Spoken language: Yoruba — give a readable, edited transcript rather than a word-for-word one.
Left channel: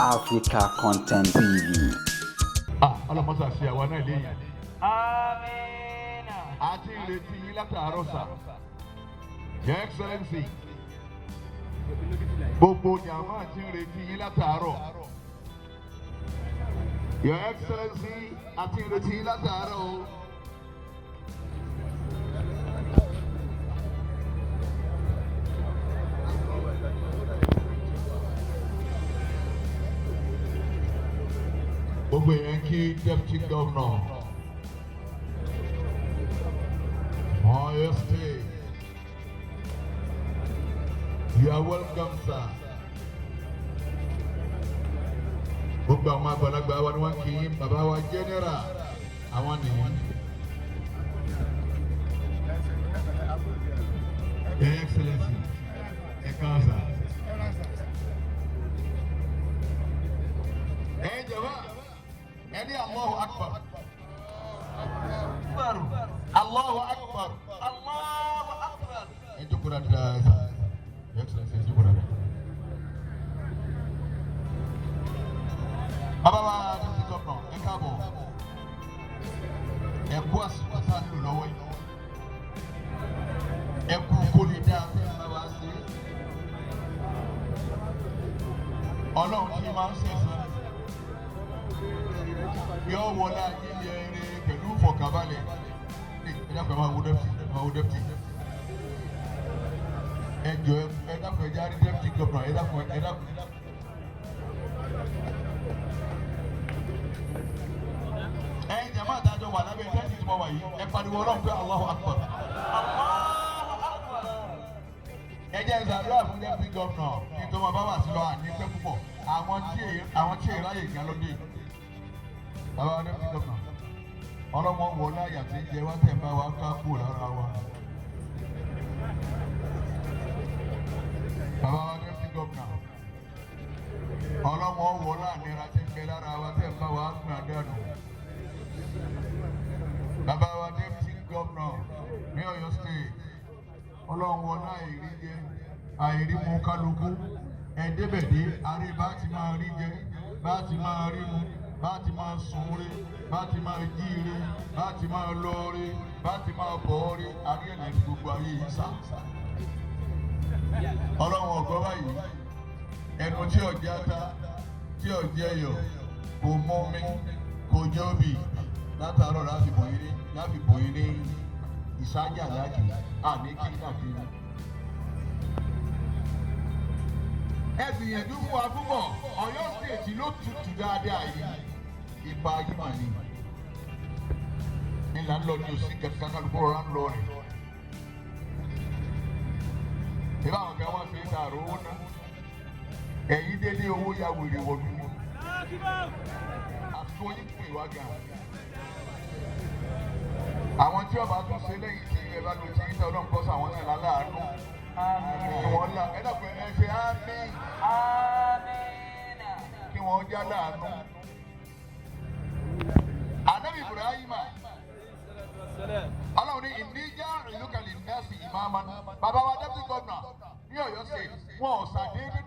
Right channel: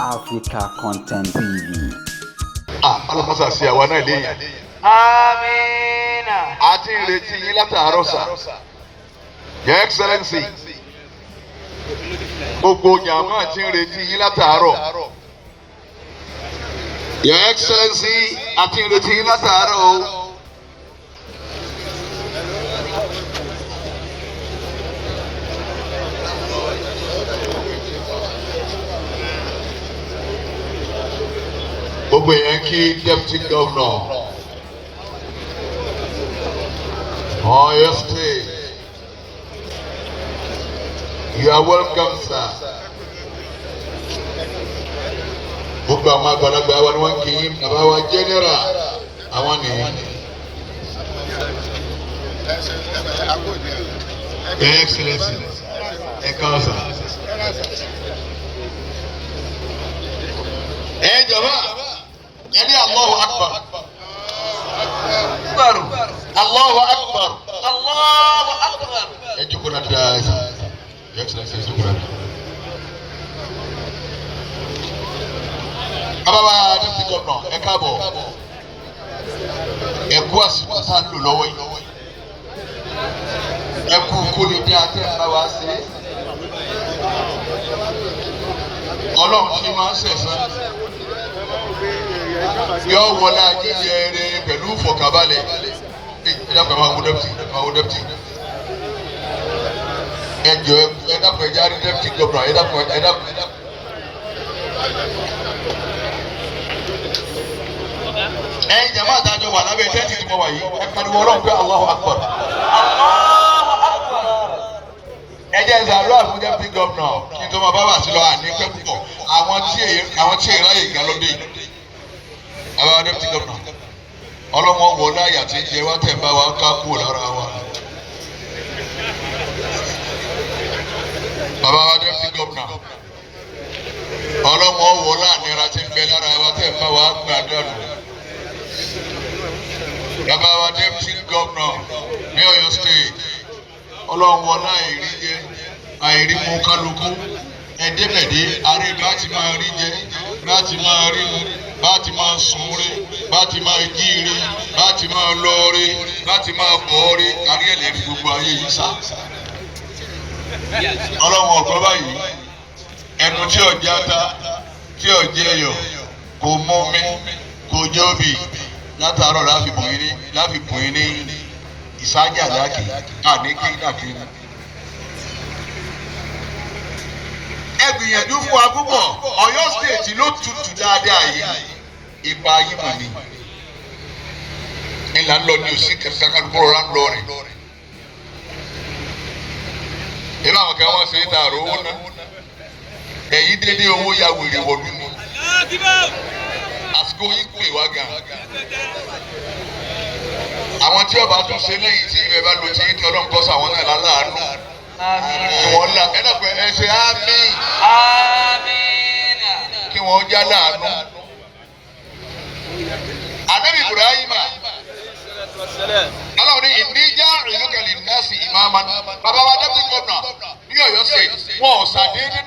Africa Content TV. Alamasa si àwa náà léyìn. Amina. A ti ń retí yín látàárọ̀ sà. Your Excellency. Gbogbo jàmáà ti ń retí yín látàárọ̀. Your Excellency, a ti ń retí yín látàárọ̀ o. Gbogbo èèyàn kí Deputy Governor Oyo State. You are welcome, sir. Gbogbo àwọn àgbàlagbà wa ni wọ́n kì í bàbá wa general àwọn nìyí. Your Excellency, ẹ káàsán sà. Ẹ jọ̀wọ́. Yani Allahu Akbar. Allahu Akbar. Allahu Akbar. Ejukuna dasa. Your Excellency, ejukuna. Baba Deputy Governor, ẹ káàbọ̀. Ẹ kú àsìkò tá a lò lọ́wọ́ yìí. Ẹ kú kó lè dé àti ẹ̀ bá wa ṣe. Ọlọ́run ti máa ń ṣẹ̀san. Yọ wọlé ajíjẹ rẹ pẹ̀lú ìfọ̀kànbalẹ̀. Ẹ dákun ẹ máa wo deputy. Ẹ jọ ẹ dákun ẹ jáde Deputy Governor ẹ dákun. Ẹ̀yin jàmáà àtàjọ wà lábẹ́ tẹ́ǹtì tí mo wà yìí ẹ pariwo Ọlọ́run pé Allahu Akbar. Allahu Akbar. Ẹ jẹ́ ìsàlọ́ àfún Deputy Governor kí n tó máa bá wà sí lọ àní pẹ́ púpọ̀ àwọn tí ìráyè ìgbà lóde yìí. Àwọn Deputy Governor ọlọ́mọ wọ láyà tí ń jẹ wá tẹ̀ ń bá wa ká kúrò lára wa. Bàbá wa Deputy Governor ọlọ́mọ wọ láàánira tí ń bẹ lára wa tẹ̀ ń bá wa gbà dànù. Bàbá wa Deputy Governor ní Oyo State ọlọ́wọ́ láìrí jẹ àìrí mú kálukú ẹ̀ẹ́dẹ́gbẹ̀dẹ́ àárẹ̀ bá ti máa rí jẹ bá ti máa rí mu bá ti máa sùn rí bá ti máa jí rí bá ti máa lọ rí bá ti máa bọ̀ rí kárí ẹ̀lẹ́ ní gbogbo ayé yìí sá. ọlọ́wọ́ ọ̀gbọ́n báyìí ẹnu tí ọ̀já ta tí ọ̀jẹ́ ẹ̀yọ̀ kò mọ́ mi kò jọ́bì látàárọ̀ láfi bùn yín ní ìsájà láàkì àníkí dàbí. Ẹ gbìyànjú fún wa púpọ̀ Ọ̀yọ́ State ló tutù dáadáa yìí ipa yìí mọ̀ ni. Ìlà ń lọ ní òsì kẹsàn-án rọra ń lọ rìn. Ìlú àwọn kan wọ́n ṣe é dàrú owó náà. Ẹ̀yin dédé owó ya wèrè wọ̀lú ni. Àsìkò yìí pè wá gan. Àwọn tí ọba tún ṣe lẹ́yìn tí ìrẹ bá lo ti yín tí Ọlọ́run kọ́ sáwọn náà láàánú. Kí wọ́n là ẹ dàpọ̀ ẹ ṣe àmín. Kí wọ́n já láàánú. Ànábì Ibrahima. Ọlọ́run ní ìníjà ìlúkẹ̀lì nẹ́ẹ̀sì ìmáàmá. Bàbá wa Deputy Governor ní Ọ̀yọ́ State wọn ò ṣàdédé